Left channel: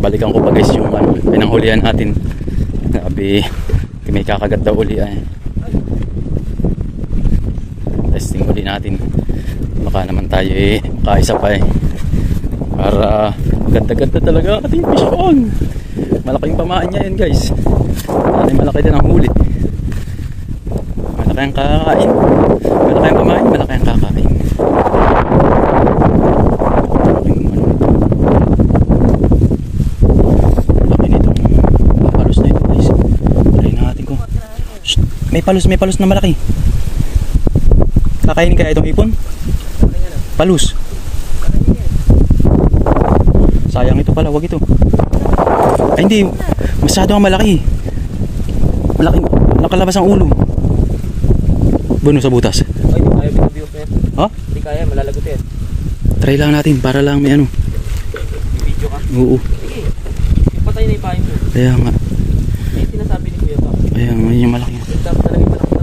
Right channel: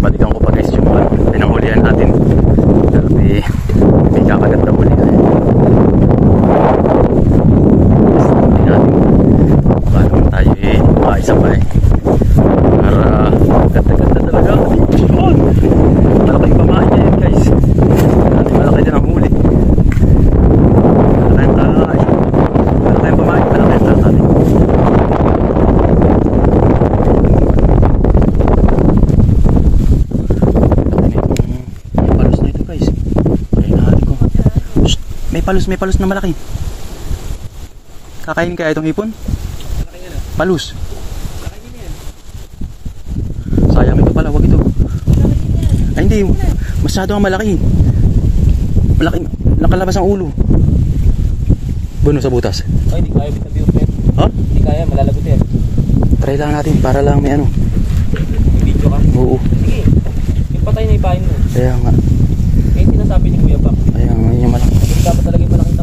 balikan ko pa guys yung pinanghulihan natin. Grabe, may kakagat na huli ay. Yes, huli natin. Baka naman tayo makaisa pa para ganda-ganda talaga ang ating pisyon. Malaking pamahan niya yan guys. Ating malaki din ang huli. Malaki ang kakain. Malaki ang pamahan, malaki ang kakain. Laki nitong palos na ito guys. Palayin natin ko. May palos na malaki. Kakainin kaya itong hipon? Palos. Sayang ito pala, wag ito. Ay hindi, masyado ang malaki. Malaki, nakalabas ang ulo. Buno sa butas. Ay, hindi kaya bitabiwas na yan. Ha? Hindi kaya, malalagot yan. Try lang natin para lang may ano. Video ka? Oo. Patay na ipahin mo. Kaya nga. May sinasabi ni Kuya Pam. Kaya nga yung malaki. Dapat talaga yung malaki.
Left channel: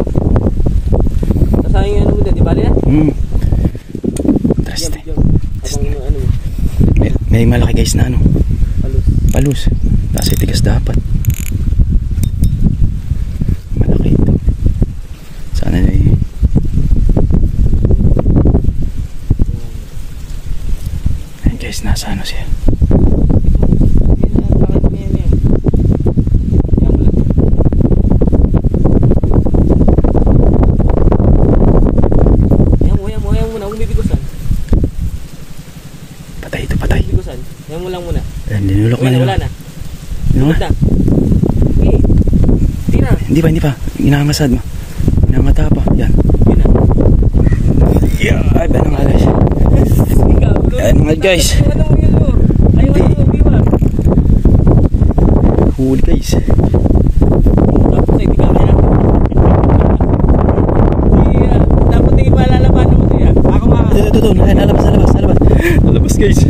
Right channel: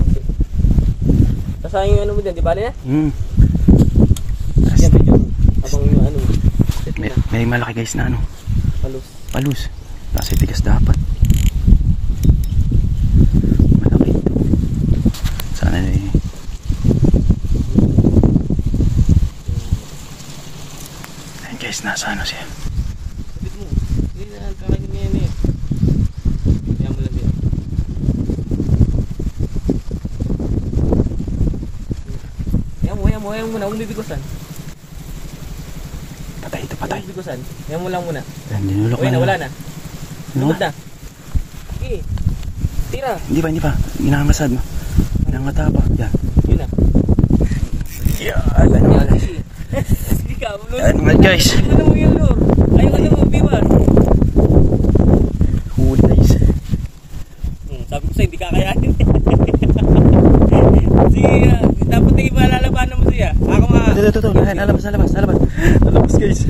Kasayang yung ano mo din, di bali na? Trust Abang yung ano mo. May malaki guys na ano. Palos. Kasi tigas dapat. Malaki ito. Sana na Ayan guys, nasa ano siya. Huwag bibigusan. Patay ito, patay. Bibigusan. Yan mo lang muna. Ayan, ninulok na. Wala na. Lugod na. Okay. Tira. Hindi pa. Inangasad. Inangata pa. Yan. Yun na. Yan. Ayan mga guys. Huli guys. Tapos ay di ka kaya natin. Dapat ay malalabanan mo siya. Ako nga. Ito. Nalabas guys.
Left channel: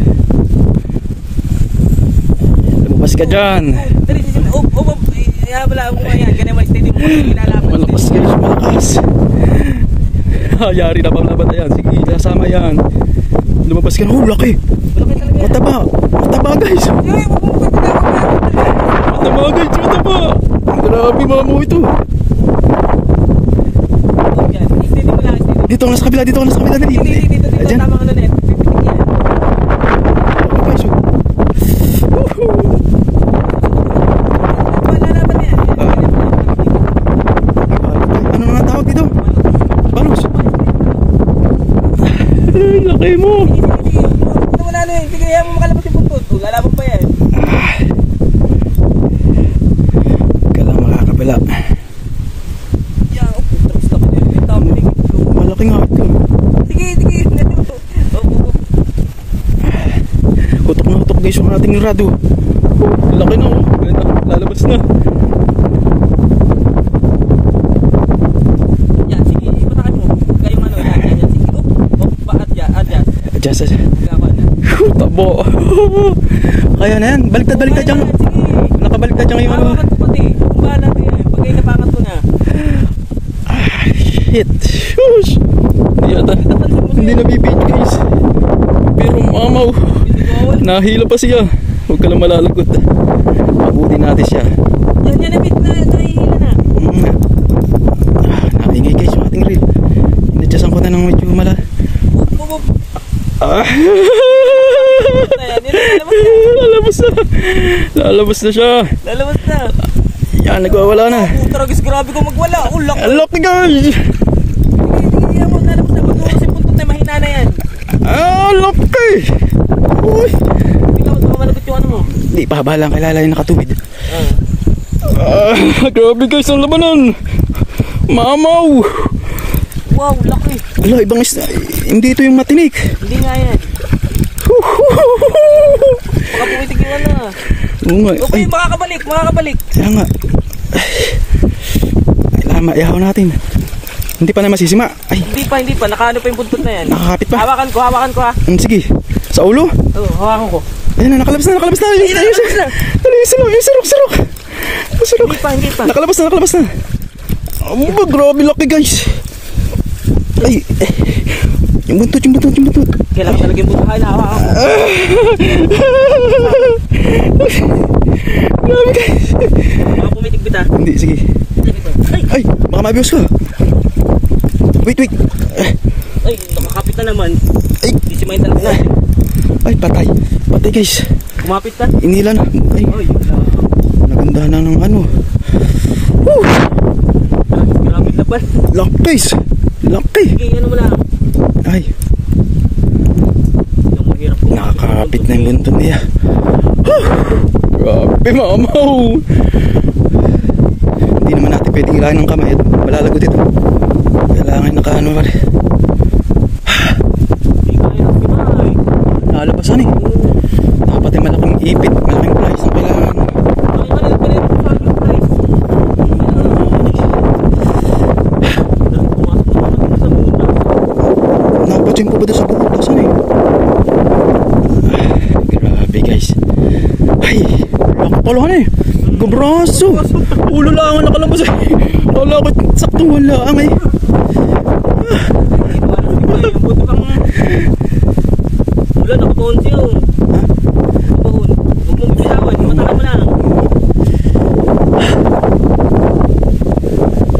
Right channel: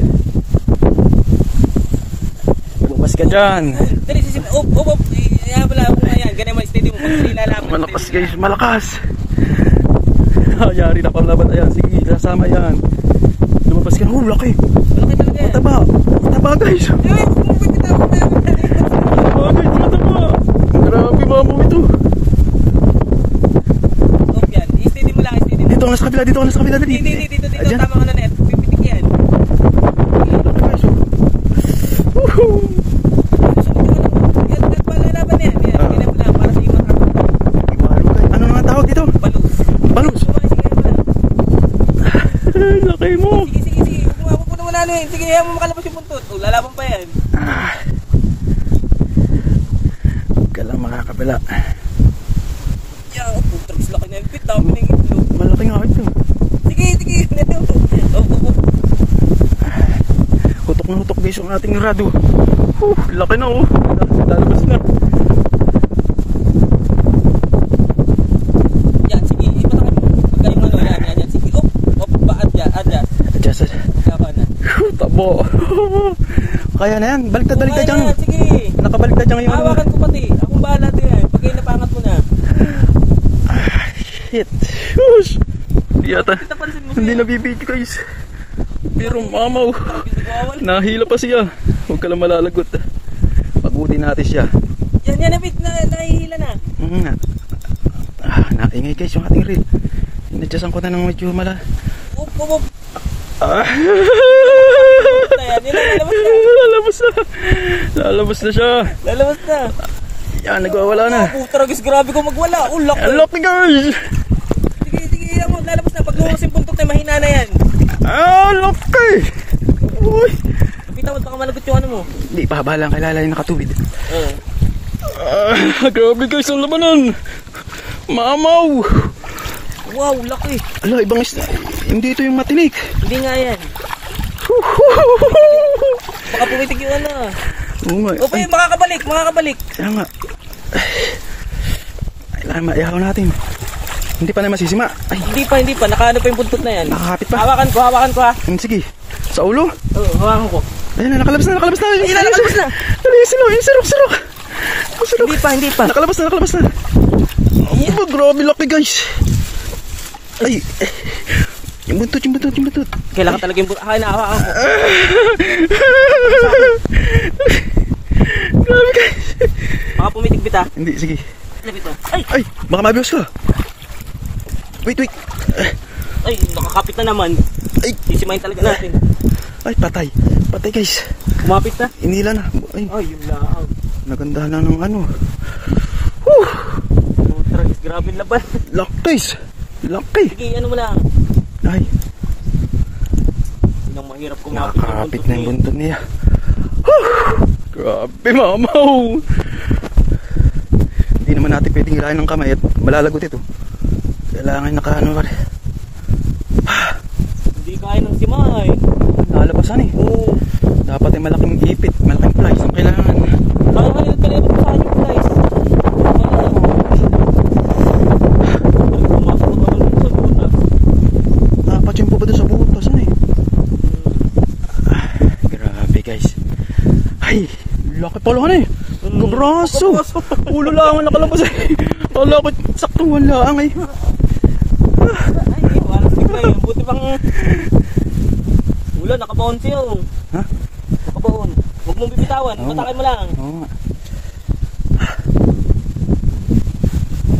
Lumabas ka dyan. Dali si Up. Wala ako nga yan. Ganyan mag-steady mo. Malakas guys, malakas. Yari na pang labat. Ayan, sige, kasama yan. Lumabas ka na. Oh, laki. Mataba guys. Mataba. Grabe mamo ito. Dito ka na sa kabila. Dito. Ayan. Tamang ano net. Pipitik yan. Guys, ano nga tawag dito? Balos. Laki mo. Sige. Pupunta mo na ano yun. Sige, hayaan mo makalabas yung puntot. Lalabang pa yan. Ka lang makakabila. Yan, putrix na ka na. Malaki nga ito. Sige. Hutok guys yung ating rado. Laki na oh. Lalabas na. Yan, sige. Ipatakan mo. Huwag kayong ano. Yan. Sige. Adjust. Tabo. Kaya na yan. Baliktad dyan. Nakabaliktad dyan yung ano. Hawakan ko pati. Kumahan natin yan. Pag kayo napangat mo na. Shit. Shush. Hindi nabibig guys. Pero mamaw. Nahila pa siya. Huwag ka lang malalagot. Pagutin natin siya. Yan na bit na. Nahihila na. Nakingay guys yung ating reel. Inadyasan ko na ng medyo mala. Up. Lalabas na siya. Lalabas na. Yan, nagwawala na. Tragis, grabe ko magwala. Laki. Laki guys. Sige, yan mo. Lalabas na. Mag-uusap yung puntot na mahina na yan. Laki. Uy. Tingnan mo, baka malagot yung ano mo. Hindi, pahabalang kalala yung nakatubid. Grabe guys, ang labanan. Mamaw. Wow, laki. Ala, ibang isda. Hindi ito yung matinik. Hindi nga yan. Baka pumitig yung ano. Oo nga. Okay, makakabalik. Kaya nga. Ay, maihaw natin. Hindi pa na masisima. Ay. Hindi pa. Nakaano pa yung buntot na yan. Nakakapit pa. Hawakan ko ha. Sige. Sa ulo? Oo, hawakan ko. Ayan na, nakalabas na. Nakalabas na. Dali, sarok. Hindi pa. Nakalabas na. Grabe laki guys. Ay, yung buntot. Kailangan talaga yung buntot. Kaya nakahawakan ko. ah. Hindi, sige. Lapit mo. Ay! Ay, baka mabios ka. Wait. Ay, nakakapit na naman. Ay, Sisimahin talaga natin. ay, patay. Patay guys. Kumapit na. Inila na. Ay, Ay, wala. naganda na ng ano. Woo! Grabe laban. Lock guys. Laki. Sige, ano mo lang. Ay, Mahirap kumapit. nakakapit na yung ganito niya. Grabe mamaw. Hindi naman natin pwedeng hilahin ng kamay at malalagot ito. Kailangan nakaano ka rin. Hindi kaya ng simay. Nalabasan eh. Oo. Dapat ay malaking ipit, malaking plies ang kailangan. Ang galit po sa akin, guys. Napatsin po ba doon sa butas? Ano eh? Grabe guys. Ay, laki pala ka na eh. Gabraso. Ulo lang ang nakalabas eh. Kala ko saktong wala ang eh. Buto kang... Wala, nakapaon siya oh. Ha? Nakapaon. Huwag mong bibitawan, matakan mo lang.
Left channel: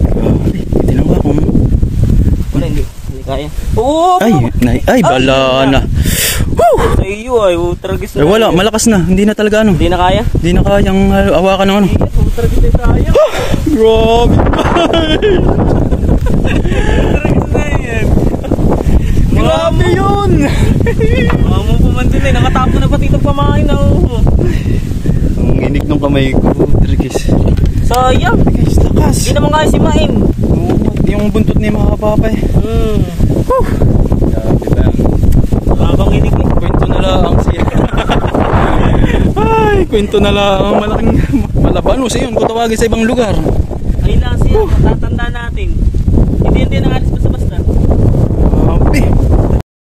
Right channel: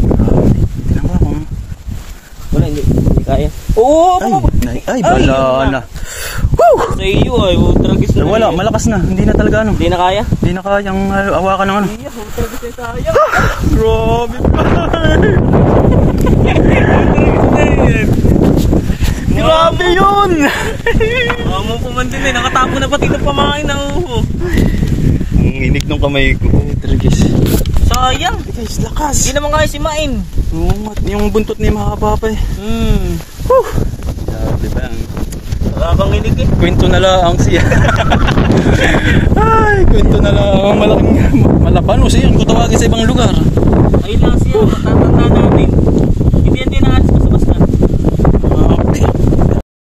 Grabe. Tinan ko kung... Wala, hindi kaya. Oo! Ay, bala na. Woo! Sa iyo ay, utragis na. Eh, wala, malakas na. Hindi na talaga ano. Hindi na kaya? Hindi na kayang awakan ng ano. Utragis na tayo. Grabe. Grabe yun! Mong pumantin eh, nakatapo na pati ito pamain na oh. Ang inig ng kamay ko. Tragis. Sayang. Guys, lakas. Hindi naman kaya si Main. Oo, yung buntot niya makakapa pa eh. Woo! Grabe ba yan? Nakakang inig eh. Kwento na lang siya. Ay, kwento na lang. Malaking malaban mo siya. Kung tawagin sa ibang lugar. Ay lang siya, matatanda natin.